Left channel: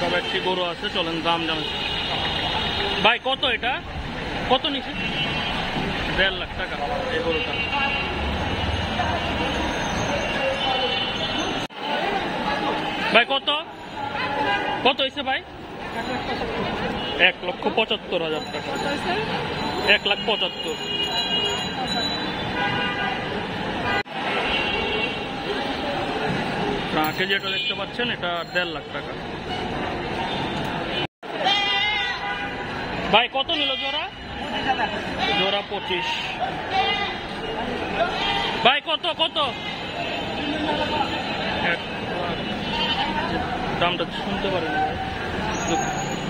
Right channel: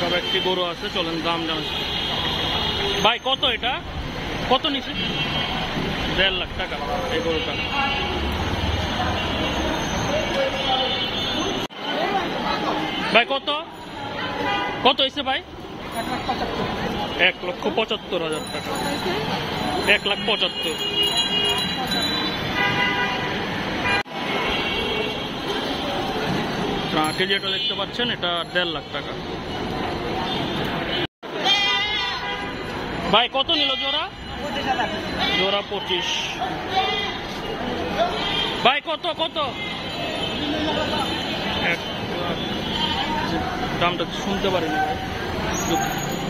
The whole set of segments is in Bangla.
সব একটি গরু আছে, চলেন দাম জানাই। ভাই কত এটা, কত নিছে? 1.5 লাখ টাকা এই গরুটা। ভাই কত কত হয়েছে ভাই? 1,75,000 টাকা। 1,75,000। ট্রাকে যেটা দেখতে পাচ্ছেন এটা 1.5 লাখ টাকা। ভাই কত নিল জোড়া? জোড়া 25। ভাই কত কত? 1 লাখ। দামটা শুনতে পারিনি ভাই।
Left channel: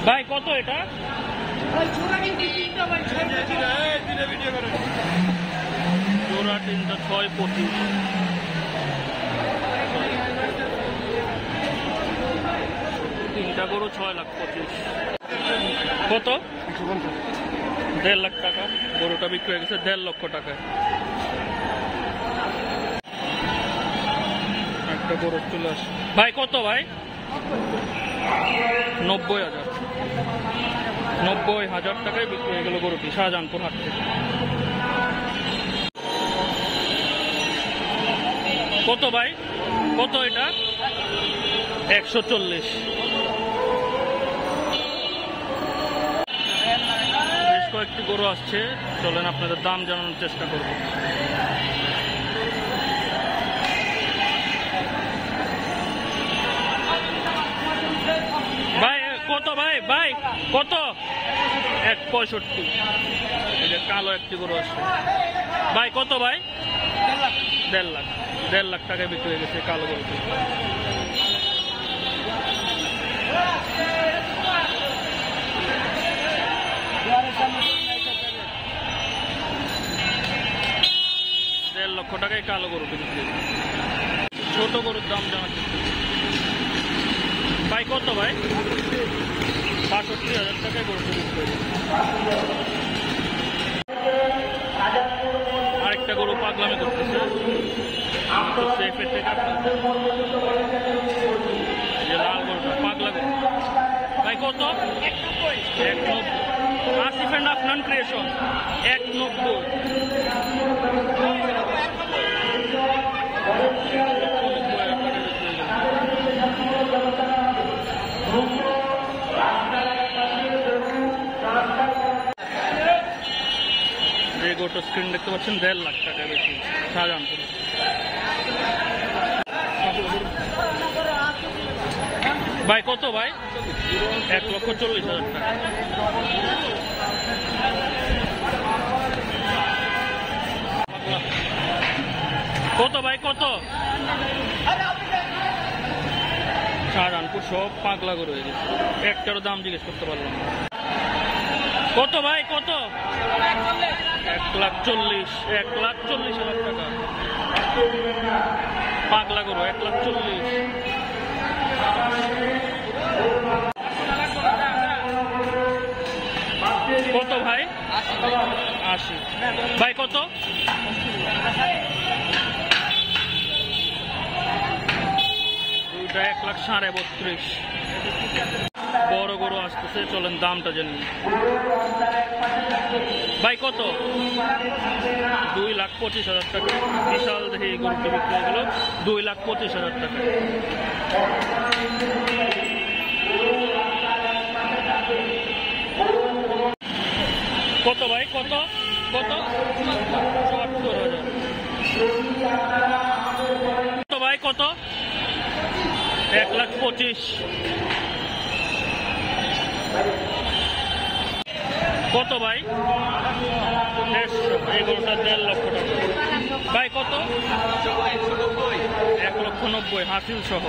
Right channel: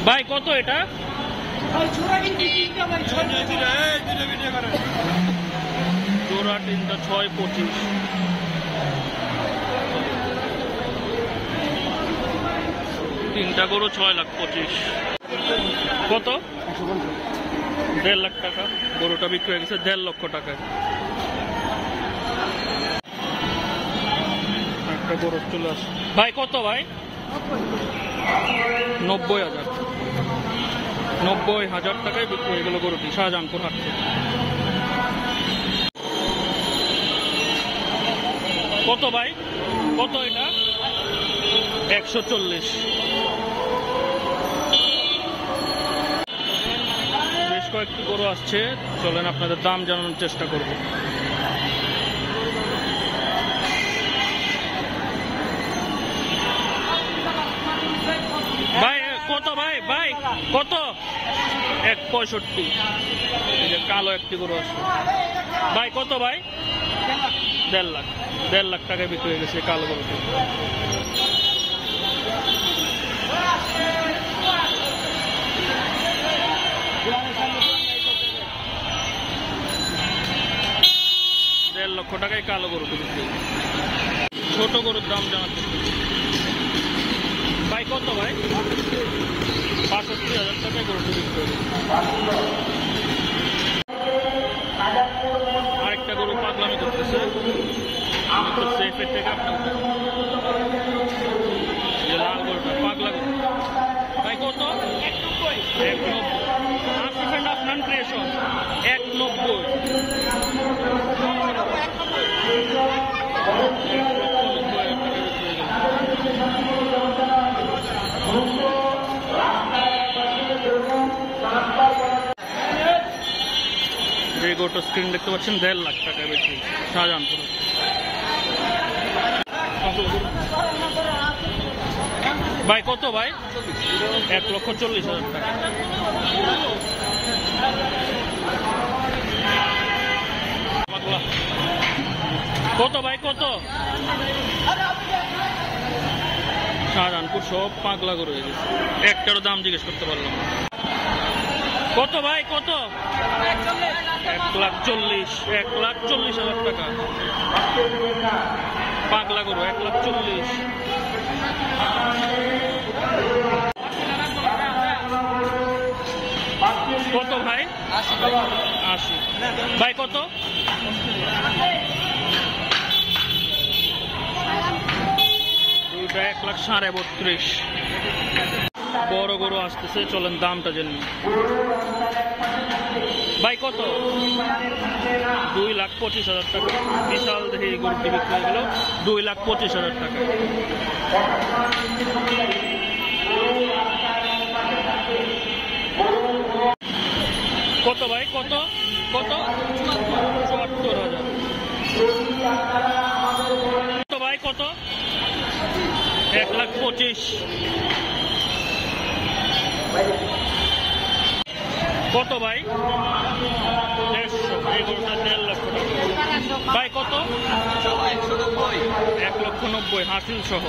ভাই কত এটা? জোড়া 3টা 6,25। তিনটা গরু 6,25,000। কত? 1.5 লাখ টাকা। গরুটা বিক্রি হয়ে গেছে 1.5 লক্ষ টাকায়। একটা গরু তুলে আসে। ভাই কত ভাই? 90,000। 90,000 টাকায় বিক্রি হয়ে গেল গরুটি শাহজাহানপুর হাট থেকে। কত ভাই? কত এটা? 140। বেশ কয়েকটি গরু আসছে, চলেন আপনাদের দাম জানানোর চেষ্টা করব। ভাই কত ভাই? ভাই কত? 165। এই যে কালো একটি গরু আসছে। ভাই কত ভাই? 1.5 লাখ। 1.5 লাখ টাকায় বিক্রি হয়ে গেছে কালো গরুটি। দেড় লক্ষ টাকায় কালো গরুটি বিক্রি। ছোট গরুর দাম জানার চেষ্টা। ভাই কত ভাই? 65,000 টাকায় গরুটি বিক্রি হয়ে গেছে। আরেকটা গরু পাগলামি করতেছে, একটু সেফের থেকে আপনাদের যে লাল গরুটা পাগলা গরু। ভাই কত? 190। আশি ফ্রেন্ড অফ নন ক্রিয়েশন 190। 1,90,000 টাকা বিক্রি হয়ে গেল। যে গরুটার স্ক্রিন দেখতে পাচ্ছেন 1.5 লাখ টাকা বেশি শাহজাহানপুরে। ভাই কত ভাই? 1,40,000 টাকা। কত ভাই কত? শাহজাহানপুর সব পাগলা গরু হয়ে গেছে, একটারও দাম জিজ্ঞেস করতে পারলাম। কত ভাই কত? 1,40,000। 1,40,000 টাকা পাগলা গরু। 1,40,000। কত ভাই? 80। ভাই কত? দুইটা 1,32,000। বড় গরু আসতেছে, চলেন দামটা জেনে। ভাই কত? 2,25,000 টাকা। বিশাল দেখে এই গরুটি বিক্রি হয়ে গেল 2,25,000 টাকায়। কত ভাই কত? কত? 74,000। কত ভাই কত? 1,25,000। কত ভাই? 150। এই গরুটা 1.5 লক্ষ টাকা। ভাই কত? 1,90,000 হাসিল সহ।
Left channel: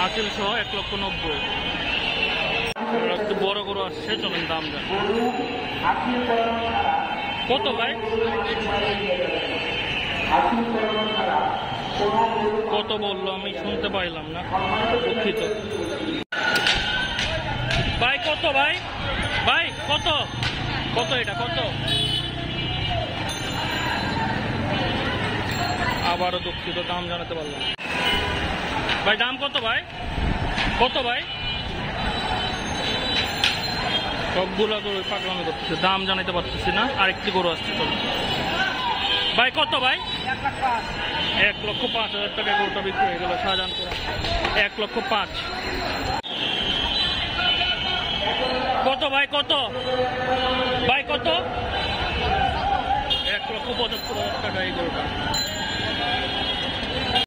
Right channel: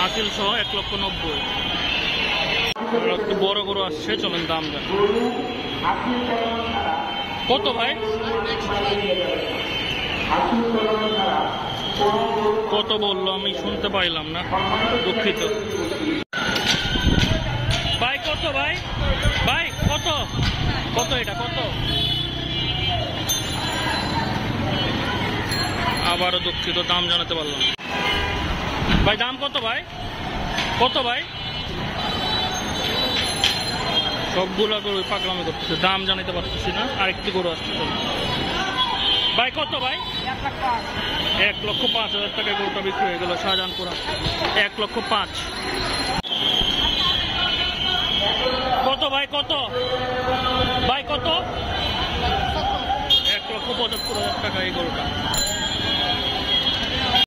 হাসিল সহ 1,90,000। একটু বড় গরু আসছে, চলেন দাম জান। কত ভাই? কত বললো আমি শুনতে পাইলাম না, দুঃখিত। ভাই কত ভাই? ভাই কত? কত এটা কত? আবারও দুঃখিত, দাম জানাতে পারলাম। ভাই দাম কত ভাই? কত ভাই? সবগুলা গরু পাগলামি করতেছে, দাম জানাইতে পারতেছি না। আরেকটি গরু আসছে, চলো ভাই। কত ভাই? 1,05,000 টাকায় গরুটা বিক্রি হয়ে গেল শাহজাহানপুরা। 1,05,000। কত ভাই? কত ভাই? কত? 1,75,000 টাকা এই গরুটা।